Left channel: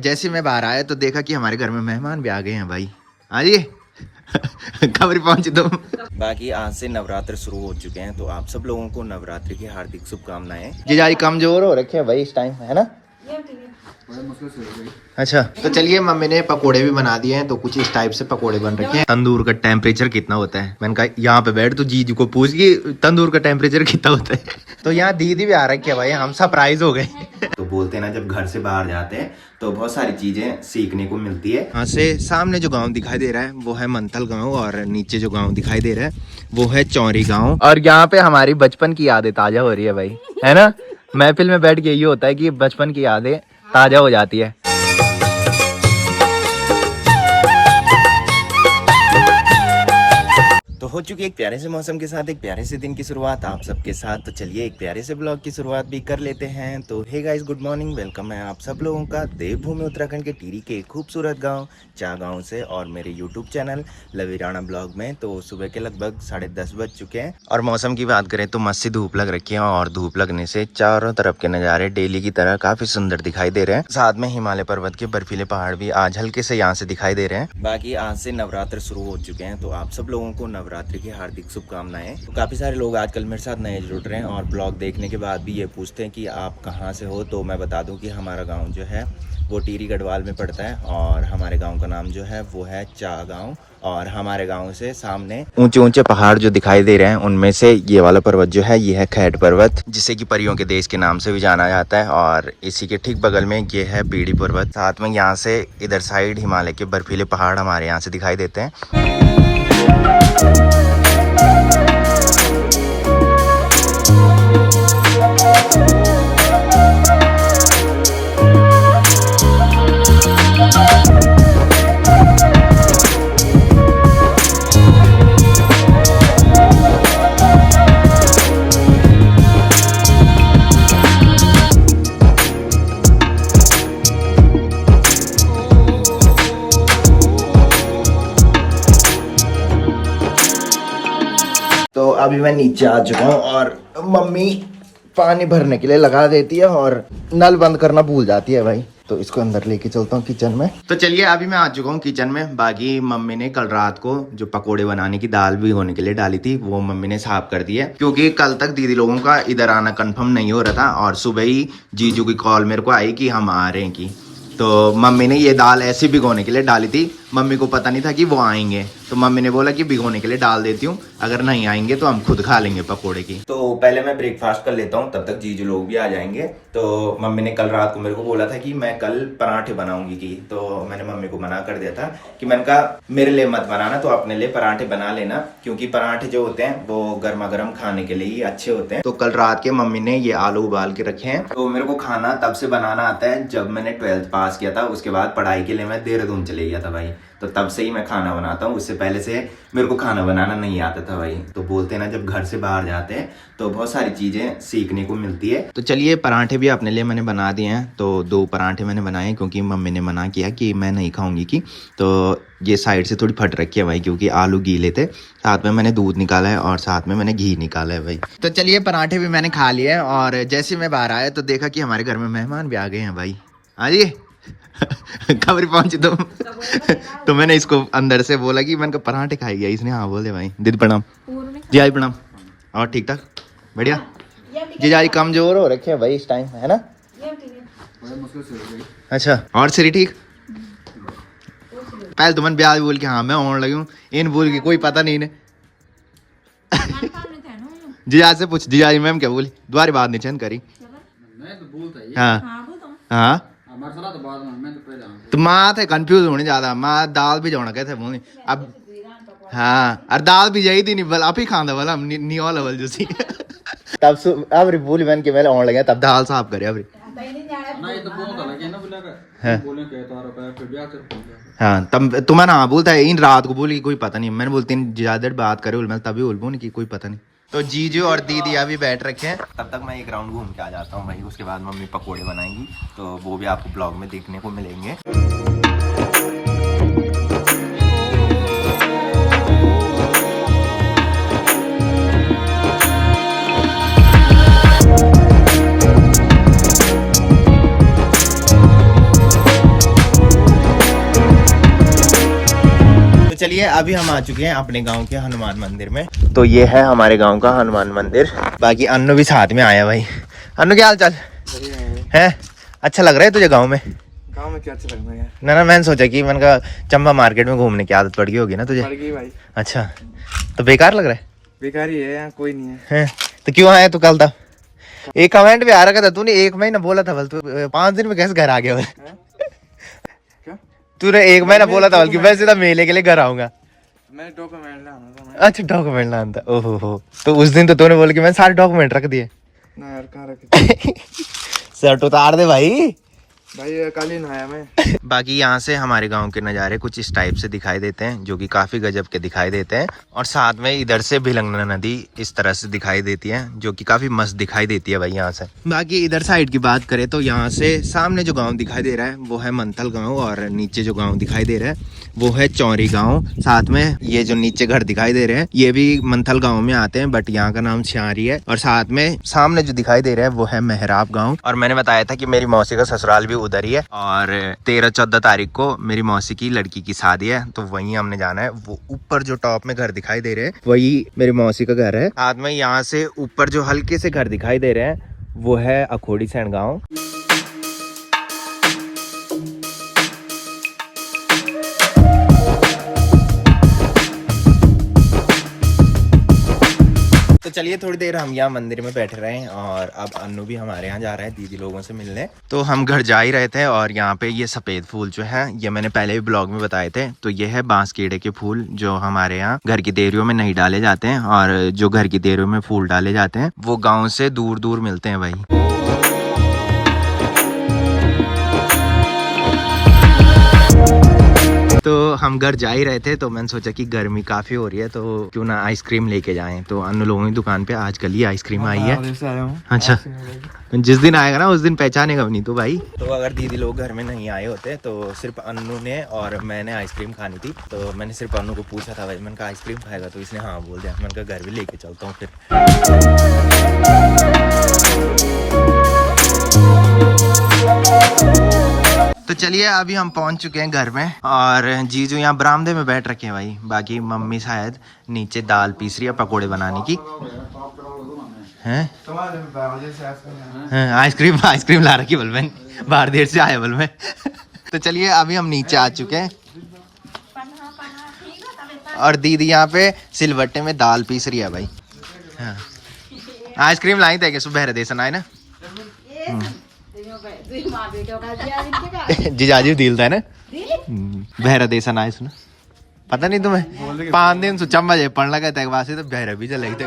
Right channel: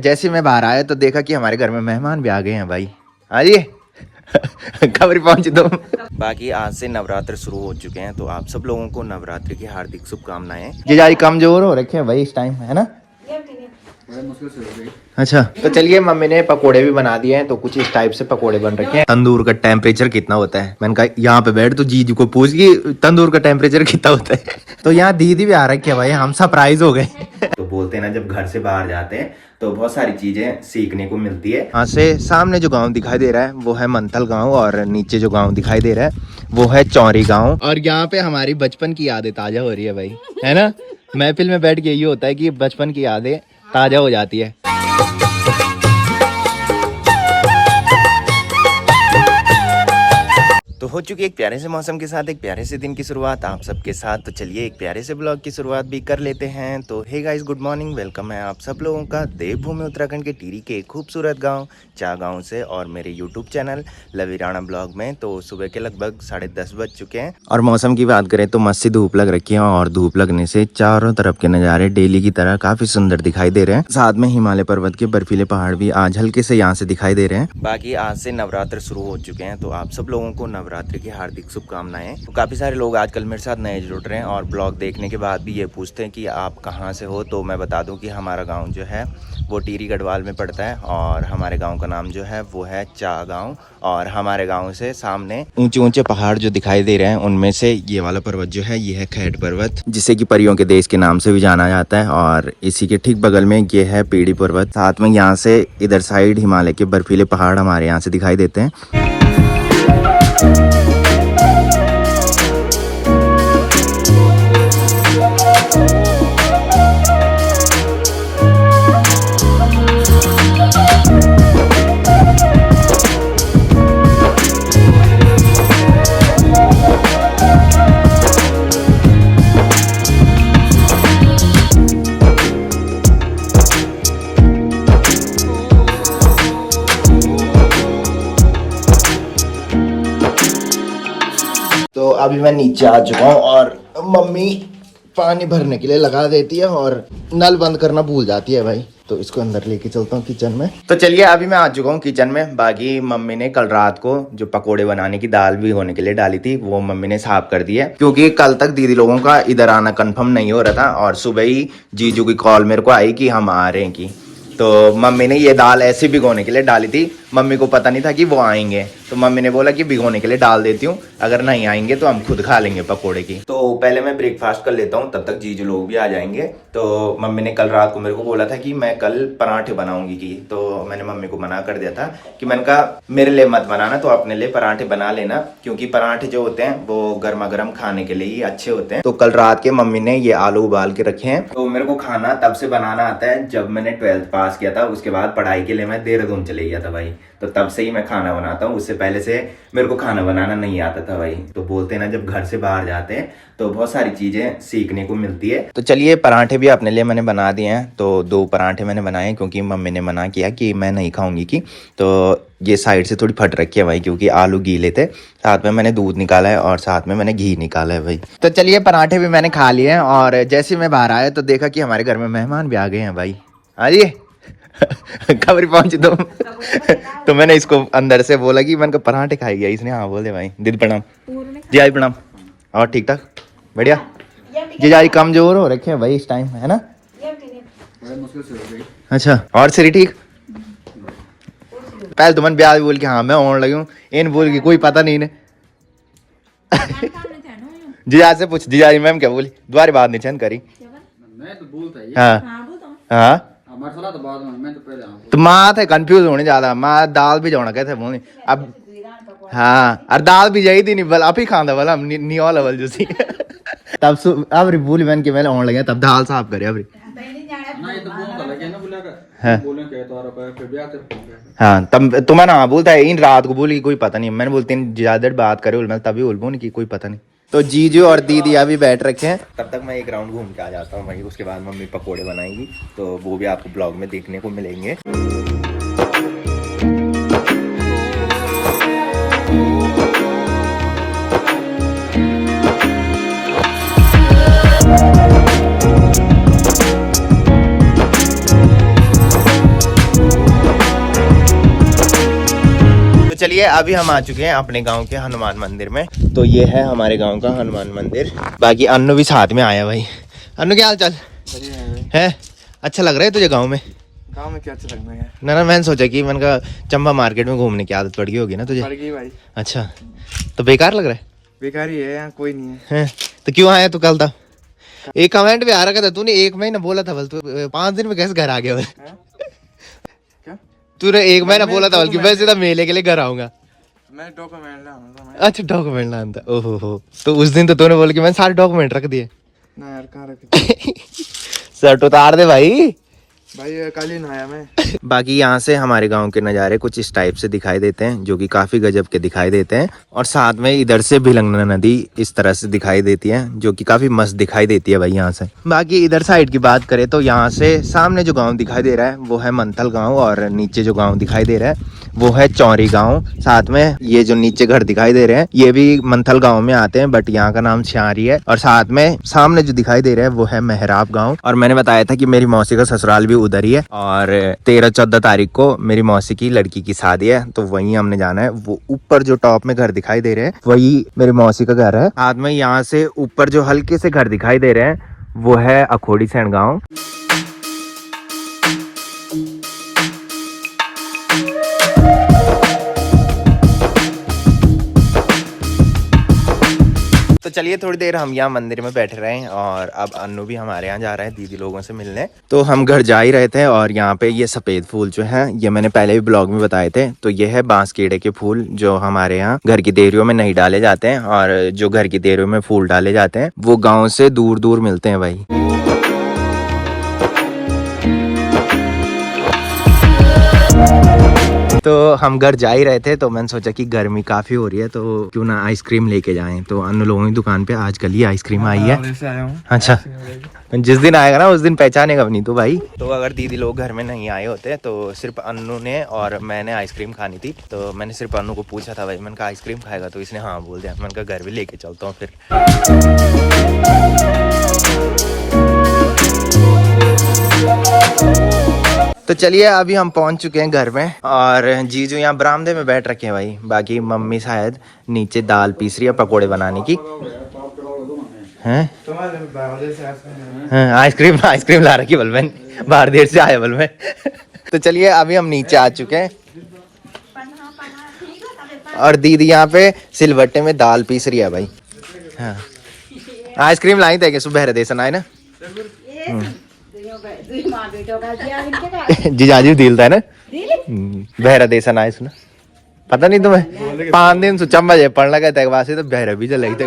जैसे मैं बाहर आया तो देखा कि हमारे घर में मेहमान भी आ गए हैं भाई। आइए खबर पहुंची तुम। बाकी आज से नवरात्र शुरू हो चुके हैं तो आप सब लोगों को नवरात्र की हार्दिक शुभकामनाएं। जीजाजी कमजोर हो रखे हैं भाई इस टाइम, है ना? अच्छा तो चलिए, मम्मी ने पकोड़े भी बना दिए हैं तो कुछ इस टाइप से पकोड़े बन रखे हैं। तंदूर का टेम्परेचर कितना होता है? मैंने कहा यहाँ पे बैठ तो जीजू को पूछ कि तंदूर का टेम्परेचर कितना होता है। तो यहाँ दीदी भी आ रखी है भाई, हम सरप्राइज हो गए। तो बोलते हैं ना, जब घर से बाहर जाते हैं तो बहुत सारी चीजें सीखने को मिलती है। यहाँ से सामने जो गांव दिखाई दे रहा है वो है मंथल गांव, और नीचे जो गांव दिखाई दे रहा है वो है चौरी गांव। और यहाँ पे हमारी बचपन की यादें ताजा हो रही है भाई, है ना? महफिल में बैठ के यही होता है कि बचपन की यादें ताजा हो जाती है। तो हो चुकी एक प्यारे से मौसम के साथ एक प्यारे से दिन की शुरुआत आप सबके साथ। तो चलिए एक प्यारे से ब्लॉग की शुरुआत भी कर लेते हैं। तो hey guys, good morning, welcome है आप सब लोगों का देवभूमि उत्तराखंड के टिहरी के खूबसूरत गांव चा गांव से, और मेरे यूट्यूब चैनल लवीराणा ब्लॉग में। तो सुबह के लगभग 10:30 बज चुके हैं, और मौसम की बात करें तो मस्त सी धूप लग रखी है, और धूप लगने से चारों तरफ के नज़ारे डेली की तरह काफी सुंदर दिखाई दे रहे हैं। साथ में हिमालय पर्वत के बर्फीले पहाड़ भी आज हल्के से यहाँ से दिखाई दे रहे हैं। बाकी आज से नवरात्र शुरू हो चुके हैं तो आप सब लोगों को नवरात्र की हार्दिक शुभकामनाएं। तो काफी सारे लोग आजकल मेरे साथ नए जुड़ रहे हैं और ब्लॉग देखने के बाद भी ये पूछते हैं कि आप कहाँ से हो। तो मैं बता दूं कि हमारा गांव जो है वो टिहरी गढ़वाल में पड़ता है, और हमारे गांव का नाम जो है वो है चा गांव। और हमारे गांव से सामने ऊंचे ऊंचे पहाड़ जो दिखाई दे रहे हैं उनमें से ये वाला पर्वत जो है ये है खैट पर्वत, जिसे कि परियों के देश के नाम से भी जाना जाता है। और इसी के ठीक बगल में ये है पीड़ी पर्वत। साथ में यहाँ से इधर साइड हिमालय के बर्फीले पहाड़ हमारे यहाँ से दिखाई देते हैं। तो अभी मैं नीचे आ चुका हूँ और मम्मी पानी भरने के लिए लगा देती है और नल बंद करना भूल जाती है भाई। तो इसको अंदर लेके चलता हूँ किचन में। तो चलिए अभी मैं आ चुका हूँ किचन में। बाकी मम्मी ने कल रात को जो पकोड़े बनाने की दाल भिगोने के लिए डाली थी वो मम्मी ने साफ कर दी है, क्योंकि कल तक दीदी लोगों का इधर आना कंफर्म नहीं हो रहा था, और सुबह ही जीजू की कॉल मेरे को आई कि हम आ रहे हैं की। तो मम्मी ने ये दाल ऐसे भिगोने के लिए डाली थी। मम्मी को पता नहीं था कि वो आएंगे, तो मम्मी ने बोला कि भिगोने के लिए डाल देती हूँ, अगर नहीं आएंगे तो हम खुद खा लेंगे पकोड़े की। तो पहले मैं ब्रेकफास्ट कर लेता हूँ, तब तक जीजू लोग भी आ जाएंगे। तो मम्मी ने कल रात को मेरे को बोला था कि मैं कल पराठे बनाऊंगी की, तो मैंने मम्मी को मना कर दिया था कि मैंने कहा मेरे लिए मत बनाना, तो अपने लिए पराठे बना लेना, क्योंकि पराठे जो होते हैं वो गर्मा गर्म खाने के लिए ही अच्छे होते हैं। तो कल रात के मम्मी ने ये आलू उबाल के रखे हैं। तो मेरे को खाना तब से बनाना आता है जब मैंने 12th पास किया था, उसके बाद पढ़ाई के लिए मैं देहरादून चले गया था भाई। तो तब से ही मैं खाना बनाता हूँ, उससे पहले से मेरे को खाना बनाना नहीं आता था भाई। तो बोलते हैं ना, जब घर से बाहर जाते हैं तो बहुत सारी चीजें सीखने को मिलती है। तो चलिए पराठे भी अपने लिए मैंने बना दिए हैं। तो 2 पराठे मैंने बनाए क्योंकि मम्मी ने मना किया कि मैं नहीं खाऊंगी की। तो ये साइड से थोड़ी फट रखी है भाई, क्योंकि आलू गीले थे। साथ में मैंने दूध निकाला है और साथ में मैंने घी निकाला है भाई। तो चलिए पराठे भी मैंने खा लिए हैं, और जैसे मैं बाहर आया तो देखा कि हमारे घर में मेहमान भी आ गए हैं भाई। आइए खबर पहुंची तुम। तो मैंने इसको अंदर से बोला कि मैंने पराठे खाई गया, इसने हाँ बोले भाई। दीदी प्रणाम। जी आई प्रणाम। और ठीक ठाक बढ़िया। जी आई कमजोर हो रखे हैं भाई इस टाइम, है ना? अच्छा, और सरी ठीक? पहले तो मन ब्याह बोल के हाँ मैं आने लगी हूँ, इन बोल के कोई पता नहीं ने। जीजा से पूछ, जीजा मैम क्या बोली? दोबारा बात नहीं चंद करी। हाँ हाँ, तो माँ थे कंफ्यूज होने ज्यादा। माँ दाल भी जाना कैसे बोली अब। हाँ, और दाल भी यही थी नहीं बल आप ही खांदा वाला नियो लेवल जो सी। तब अब बोली मैंने कि मैं आने लगे तब दाल साफ करे अब। हाँ तब तुम्हें ना बोलता है इन रात को बोली कोई पता नहीं। मैंने बोलती ज्यादा देर बात करे मैं तभी बोल कि कोई पता नहीं। तो जीजू और दीदी अभी बैठ रखे हैं, तब तक मैं एक राउंड घूम के आ जाता हूँ भाई। उसके बाद मम्मी पकोड़े बनाएंगी तो वो भी आपको ब्लॉग में देखने को मिलेंगे। चलिए अभी हम आ चुके हैं अपने गांव के हनुमान मंदिर में। तो ये है हमारे गांव का हनुमान मंदिर। बाकी अन्नू भी साथ में आया भाई। अन्नू क्या हाल चाल है? अच्छा लग रहा है तुझे गांव में? गांव में क्या अच्छा लगना है ना मैंने सोचा कि मैंने कहा चंबा मार्केट में घूमने की आदत पड़ गई होगी ना तुझे। भाई। अच्छा तो बेकार लग रहा है? बेकार ही है, यहाँ कोई नहीं है। तो क्यों आया तू कल था? एक कमेंट भी आ रखा था तूने, 1 महीना बोला था, बल्कि 5 दिन में कैसे घर आ गया? तूने 1 महीना बोला था बल्कि वैसे तो मेले के लिए घर आऊंगा। मैंने डॉक्यूमेंट लाना था। अच्छा डॉक्यूमेंट लाना था। ओहो हो, तो उस दिन तो तूने बोला कि मैंने सारे डॉक्यूमेंट रख दिए। ना यार कहाँ रखे शर्ट उतार दे भाई। भाई कल ही नहाया मैं। बाकी यहाँ से हमारे गांव के नज़ारे कुछ इस टाइप से दिखाई देते हैं, जो कि काफी गजब के दिखाई देते हैं। और साथ में इधर से भिलंगना नदी इस तरह से दिखाई देती है, जो कि काफी मस्त दिखाई देती है भाई यहाँ से। बाकी इधर साइड की बात करें तो यहाँ से सामने जो गांव दिखाई दे रहा है वो है मंथल गांव, और नीचे जो गांव दिखाई दे रहा है वो है चौरी गांव। साथ में ये जो नीचे घर दिखाई दे रहे हैं ये भी मंथल गांव में आते हैं, बट यहाँ का नाम छारी है। और साथ में सामने जो दिखाई दे रहा है वो है मेहराब गांव। और मैंने बताया था कि मेरी मौसी का ससुराल भी उधर ही है, और 13-14 तारीख को मेरी मौसी की लड़की की शादी है, तो वहीं हमने जाना है। वो ऊपर जो टॉप में घर दिखाई दे रहे हैं वही मेरी मौसी का घर है। साथ में यहाँ से ऊपर जो हल्के से घर दिखाई दे रहे हैं वो है अखोड़ी सैन गाँव। तो चलिए थोड़ी देर हम यहाँ मंदिर में बैठे रहे, और अब अन्नू भी हमारे यहाँ जा रहा है दीदी लोगों से मिलने। तो हम घर जा ही रहे थे, और यहाँ पे ये सफेद फूल जो है ये मैंने पहले भी ब्लॉग में बताए थे। तो ये है बांस कीड़े के फूल, जो हमारे यहाँ घर की देरियों में नहीं डाले जाते हैं, और जो घर की देरियों में फूल डाले जाते हैं वो गाँव से दूर दूर मिलते हैं भाई। तो हम घर जा ही रहे थे, तो मैंने सोचा कि गर्मी काफी हो रही है तो क्यों ना आइसक्रीम लेके जाएं। तो अन्नू लोगों की दुकान पे आज कल ही आइसक्रीम आई है। अच्छा जिस दिन आएगा ना उस दिन पहचानेगा नहीं तो भाई। तो अगर दीदी लोग घर में नहीं आए होते तो सिर्फ अन्नू ने और मैंने आइसक्रीम खानी थी। तो मैंने सिर्फ अन्नू को पूछा था भाई, मैंने कहा आइसक्रीम खाएगा, तो इसने हाँ बोल दिया। मैंने कहा घर भी लेके चलता हूँ फिर। तो चलिए अभी हम पहुंच चुके हैं घर में, और जीजू यहाँ बरामदे में बैठ रखे हैं भाई। बाकी मम्मी शायद नीचे दाल पीस रही है पकोड़े बनाने की। हैं आइसक्रीम ला रखी बल में, बाहर देर से आया बल में। तो चलिए अभी हम नीचे आ चुके हैं, और दीदी यहाँ पे सिलवट्टे में दाल पीस रही है भाई। हाँ आइसक्रीम लाई थे कि सुबह देसन आए ना। जीजाजी दिलता है ना बहरा देसन आए सुना, पता नहीं तुम्हें 5 दिन से चंबा जे पढ़ लगा तक वासे तो बहरा भी चल थे।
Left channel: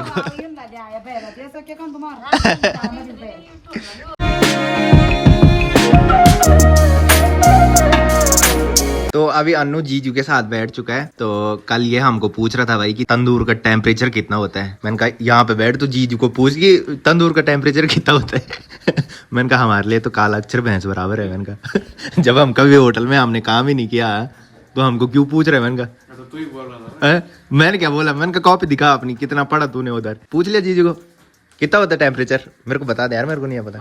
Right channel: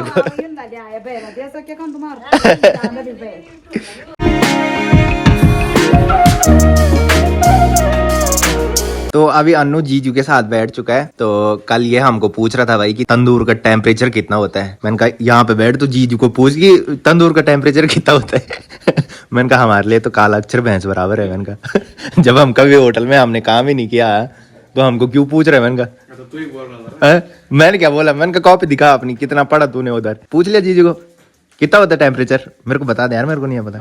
तो अभी अन्नू जीजू के साथ बैठ चुका है। तो कल ये हमको पूछ रहा था भाई कि तंदूर का टेम्परेचर कितना होता है। मैंने कहा यहाँ पे बैठ तो जीजू को पूछ कि तंदूर का टेम्परेचर कितना होता है। मैंने कहा हमारे लिए तो काला अक्षर भैंस बराबर है। मैंने कहा जब हम कभी होटल में हमने काम ही नहीं किया तो हमको क्यों पूछ रहे। मैंने कहा मैंने क्या बोला, मैंने कहा कॉपी दिखा अपनी, कितना पढ़ा तूने उधर, पूछ लिया जीजू को कितना होता है टेम्परेचर। मेरे को बता दे यार, मेरे को नहीं पता।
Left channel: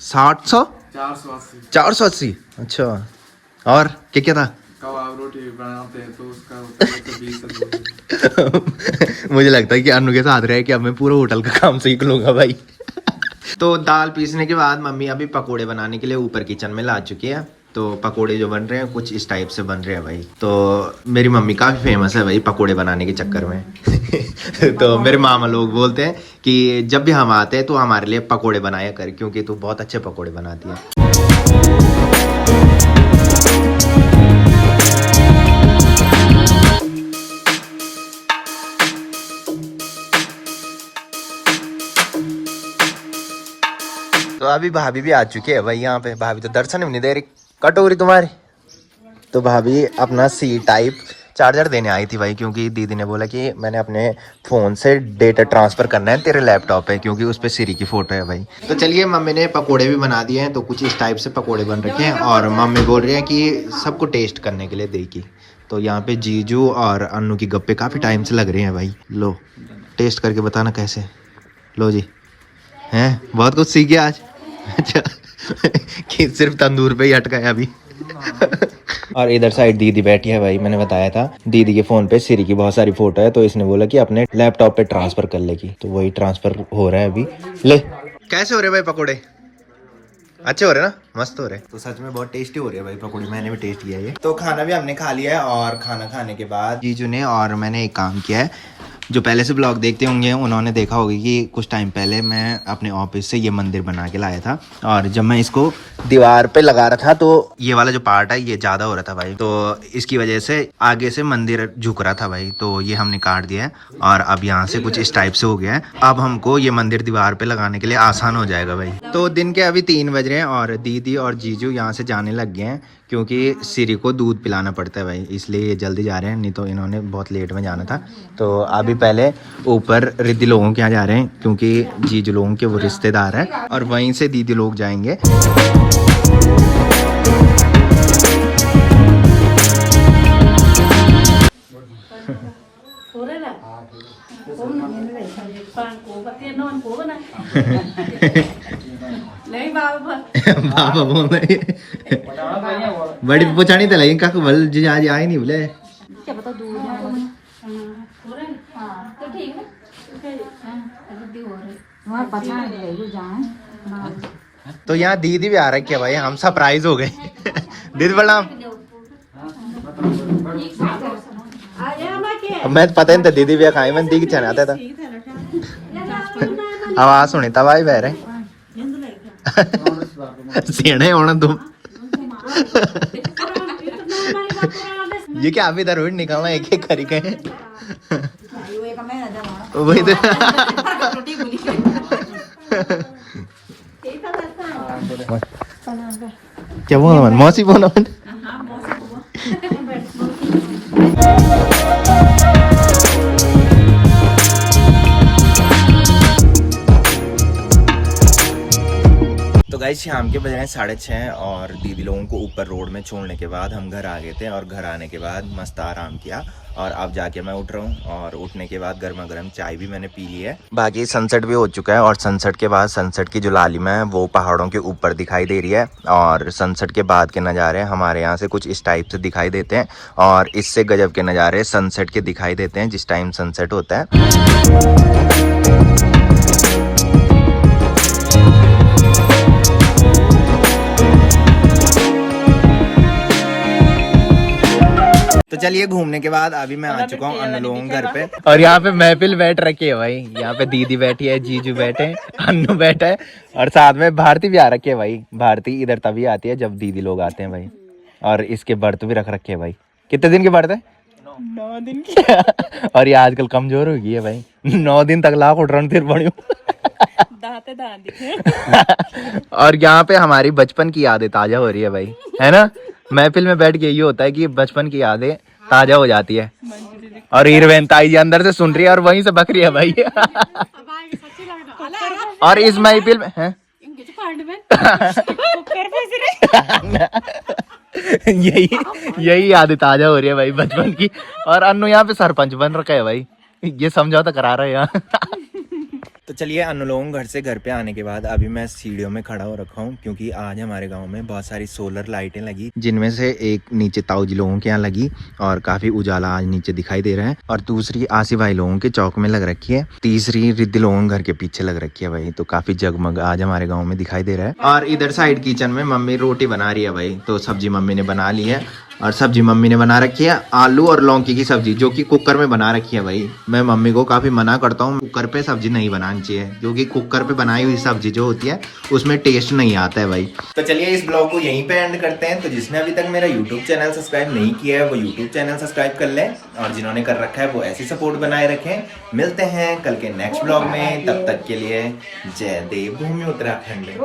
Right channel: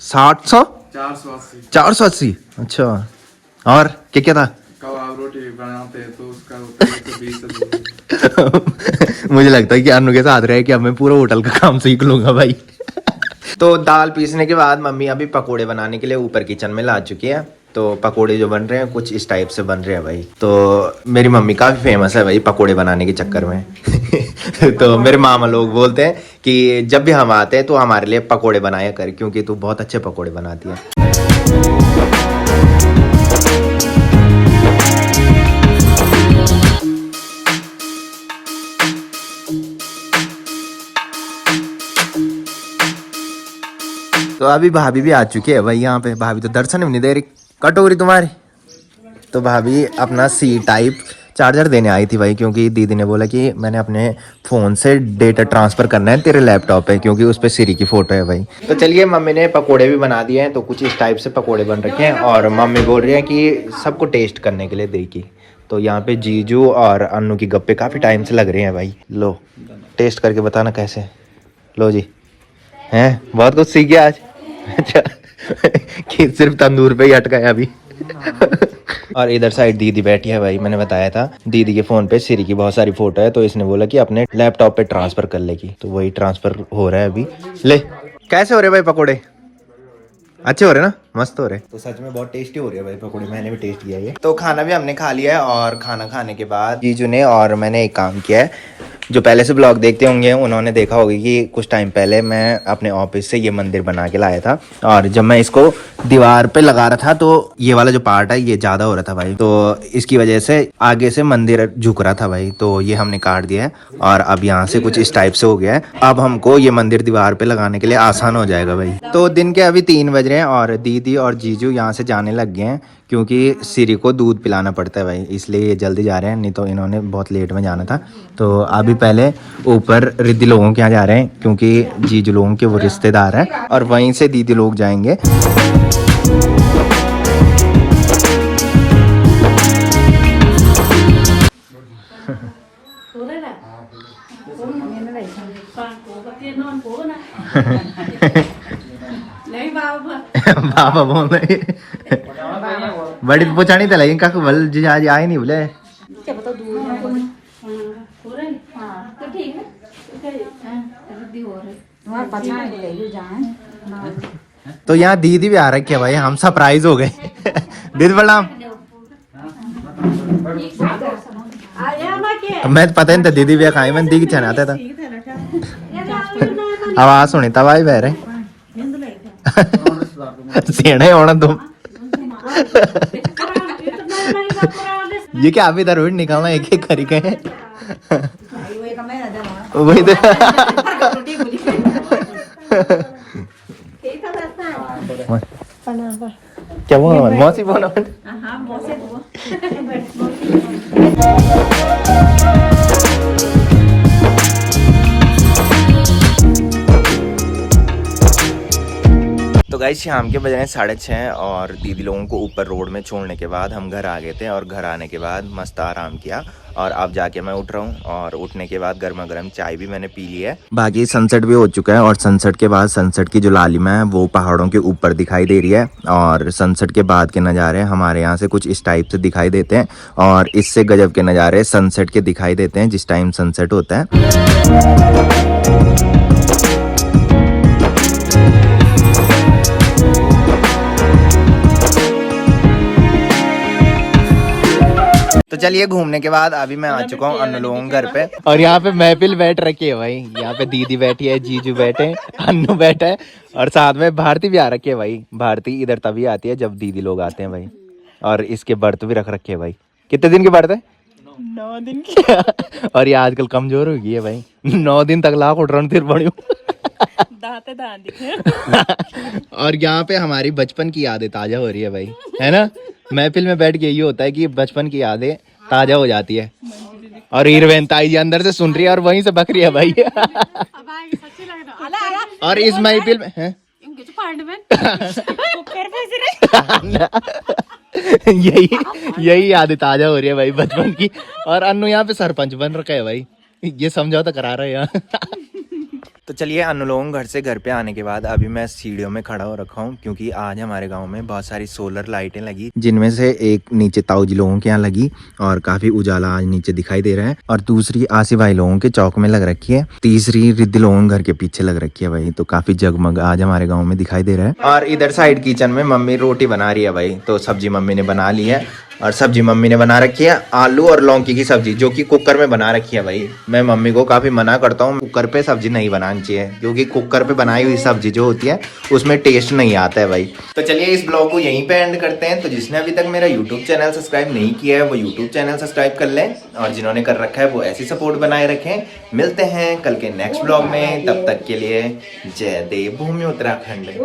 700 480। अच्छा और क्या क्या था? रोटी बनाते तो उसका मुझे लगता है कि अन्नू के साथ रहे कि अब मैं पूरा होटल का काम सीख लूंगा भाई। तो दाल पीसने के बाद मम्मी अभी पकोड़े बनाने के लिए ऊपर किचन में ला चुकी है। तो पकोड़े जो बन रहे हैं कुछ इस टाइप से बन रहे हैं भाई। तो मेरी मम्मी काफी फेमस है भाई पकोड़े बनाने के चक्कर में। तो मेरे मामा लोग बोलते हैं कि जब भी हम आते हैं तो हमारे लिए पकोड़े बनाया कर, क्योंकि तू बहुत अच्छे पकोड़े बनाती है। तो अभी भाभी भी आ चुकी है भाई यहाँ पे। भाभी तो दर्शन भी नहीं दे रही। कटोरी तुम्हारी। तो भाभी अपना सी टाइप चार्जर देने आई थी भाई, क्योंकि दीदी ने बोला कि मैंने अपने फ़ोन से डेटा ट्रांसफ़र करना है तेरे लैपटॉप पे, क्योंकि उस पर सिरी की फ़ोटो है भाई। तो चलिए मम्मी ने पकोड़े भी बना दिए हैं। तो कुछ इस टाइप से पकोड़े बन रखे हैं, और मम्मी बोल रही है कि सबको टेस्ट करने के लिए देगी। तो यहाँ पे जीजू और अन्नू की गप्पे काफ़ी टाइम से लग रहे हैं भाई। लो टेस्ट करके बताना कैसे। लो जी हैं बहुत कुछ सीख गया आज। अच्छा कि सिर्फ तंदूर पे ही अटका है अभी। और इधर साइड दीदी बैठी है भाई, मैंने बताया था दीदी के फोन पे सिरी की बहुत सारी फोटो है, तो इसने बोला कि अपने लैपटॉप पे ट्रांसफर कर लेगी, तो वही ट्रांसफर हो रहा है अभी। ले कैसे हो रहे भाई पकोड़े? अच्छे हो रहे ना, मस्त हो रहे। तो सच में बहुत टेस्टी हो रही है भाई पकौड़ी, मैंने भी टेस्ट किया ये। तो खाना भी हमने खा लिया है, और खाना खाने के बाद जीजू ने और मैंने एक काम किया है। जो पहले से ब्लॉग देखते होंगे उन्होंने देखा होगा कि कुछ टाइम पहले मैं अपने ऑफिस से ये मंदिर बना के लाया था, और जब मैं इसको दीवार पे लगा रहा था तो ये वाला जो पार्ट है ये ज्यादा हो रहा था भाई, तो इसकी वजह से आगे से मंदिर झुक रहा था भाई, तो ये हमने काट दिया है और अब यहाँ से कुछ इस टाइप से हो गया है। अब हमको ये मंदिर दीवार पे लगाने के लिए आसान हो जाएगा भाई। तो दिन के अभी 3 बज रहे हैं और दीदी और जीजू यहाँ से जाने लग गए हैं, क्योंकि सिरी को दूध पिलाना पड़ता है भाई, इसलिए ये जल्दी जा रहे हैं, नहीं तो इन्होंने बहुत लेट में जाना था। तो अभी पहले ऊपर रिद्धि लोगों के यहाँ जा रहे हैं, क्योंकि जीजू लोगों के वो रिश्तेदार हैं, और वहीं से दीदी लोग जाएंगे। बाबा बोल रहे बड़ी पुछानी तो लगी काकू बल जी आज आए नहीं बोले। तो यहाँ दीदी भी आ रखी है भाई, हम सरप्राइज हो गए। दीदी प्रणाम। मैं पता नहीं था दीदी भी खाई, मैं दीदी चना आता था। आवाज सुनी तब आई बह रहे सेने होना तुम। ये क्या अभी इधर निकालना एक एक करी के वही तो। क्या बोला मौसी बोला? तो गाइस शाम के बज रहे हैं 6:30 और दीदी लोगों को ऊपर रोड में छोड़ने के बाद हम घर आ गए थे, और घर आने के बाद मस्त आराम किया, और अब जाके मैं उठ रहा हूँ, और उठने के बाद गर्मा गर्म चाय भी मैंने पी ली है। बाकी सनसेट भी हो चुका है, और सनसेट के बाद सनसेट की जो लालिमा है वो पहाड़ों के ऊपर दिखाई दे रही है, और सनसेट के बाद के नज़ारे हमारे यहाँ से कुछ इस टाइप से दिखाई देते हैं, और इससे गजब के नज़ारे सनसेट के दिखाई देते हैं जिस टाइम सनसेट होता है। तो चलिए घूमने के बाद अभी मैं आ चुका हूँ अन्नू लोगों घर पे, और यहाँ पे महफिल बैठ रखी है भाई। यहाँ पे दीदी बैठी है, जीजू बैठे, अन्नू बैठा है, और साथ में भारती भी आ रखी है भाई। भारती इधर तभी आती है जब दीदी लोग आते हैं भाई, और इसके व्रत भी रख रखे है भाई। कितने दिन के व्रत है? 9 दिन की। और ये आजकल कमजोर हो गई है भाई, 9 दिन तक लाख उठ फिर बड़ी। और यहाँ पे हमारी बचपन की यादें ताजा हो रही है भाई, है ना? महफिल में बैठ के ये होता है कि बचपन की यादें ताजा हो जाती है। और हीरोइन ताई जी अंदर से सुन रही है और वहीं से बक रही है भाई। और इस महफिल में है यही यादें ताजा हो रही है भाई बचपन की। और अन्नू यहाँ पे सरपंच बन रखा है भाई, ये समझौता करा रहा है यहाँ। तो चलिए अन्नू लोगों घर से घर पे आने के बाद अभी मैं सीढ़ियों में खड़ा हो रखा हूँ, क्योंकि आज हमारे गांव में बहुत सारी सोलर लाइटें लगी, जिनमें से एक नीचे ताऊ जी लोगों के यहाँ लगी और काफी उजाला आज नीचे दिखाई दे रहा है, और दूसरी आसिफ भाई लोगों के चौक में लग रखी है, तीसरी रिद्धि लोगों घर के पीछे लग रखी है भाई। तो काफी जगमग आज हमारे गाँव में दिखाई दे रहा है। और इधर साइड किचन में मम्मी रोटी बना रही है भाई, तो सब्जी मम्मी ने बना ली है, और सब्जी मम्मी ने बना रखी है आलू और लौकी की सब्जी, जो कि कुकर में बना रखी है भाई। मैं मम्मी को काफी मना करता हूँ कुकर पे सब्जी नहीं बनानी चाहिए, क्योंकि कुकर पे बनाई हुई सब्जी जो होती है उसमें टेस्ट नहीं आता है भाई। तो चलिए इस ब्लॉग को यहीं पे एंड करते हैं। तो जिसने अभी तक मेरा यूट्यूब चैनल सब्सक्राइब नहीं किया है वो यूट्यूब चैनल सब्सक्राइब कर लें, और जिन्होंने कर रखा है वो ऐसी सपोर्ट बनाए रखें। मिलते हैं कल के नेक्स्ट ब्लॉग में, तब तक के लिए जय देव भूमि उत्तराखंड।